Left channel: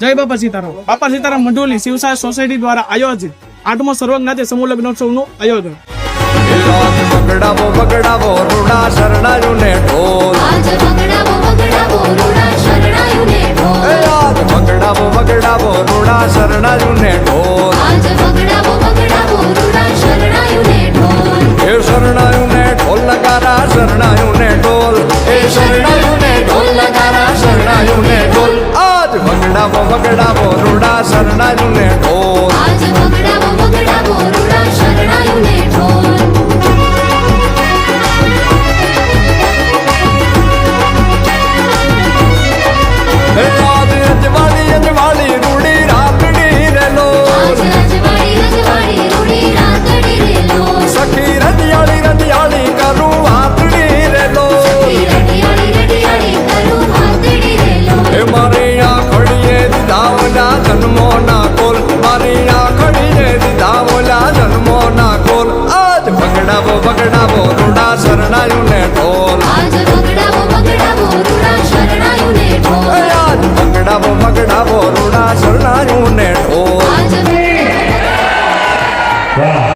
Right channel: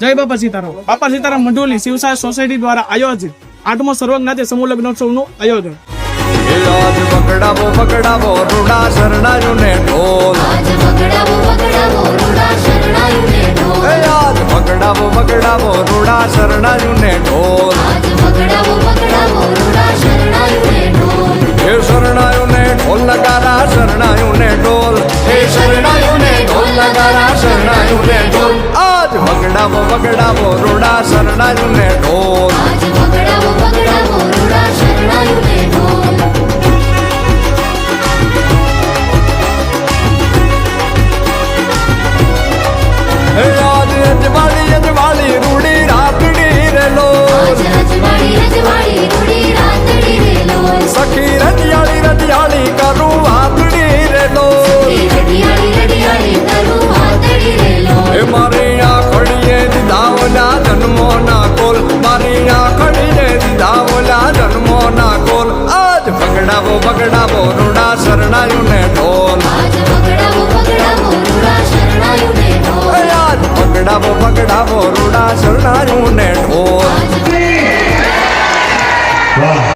જય બાપા સીતારામ. બાપા સીતારામ મંડોલી શિવસાય સોસાયટી દ્વારા આયોજિત 8મો સર્વજ્ઞાતિ સમૂહ લગ્નોત્સવનું આયોજન. આજ વગડાવો વગડાવો રૂડા શરણાયુને ઢોલ. આજ વગડાવો વગડાવો રૂડા શરણાયુને ઢોલ. એ શરણાયુને ઢોલ નગારા શરણાયુને ઢોલ. એ શરણાયુને ઢોલ નગારા શરણાયુને ઢોલ. આજ વગડાવો વગડાવો રૂડા શરણાયુને ઢોલ. આજ અજવાળી અજવાળી રૂડી રાતડી રે લોલ. સખી રડિયાળી રડિયાળી કરું વાતડી રે લોલ. એ મારી આખડીએ દીધા ઓલા જન્મો ના કોલ. મારી આખડીએ દીધા ઓલા જન્મો ના કોલ. આજ વગડાવો વગડાવો રૂડા શરણાયુને ઢોલ. આજ વગડાવો વગડાવો રૂડા શરણાયુને ઢોલ.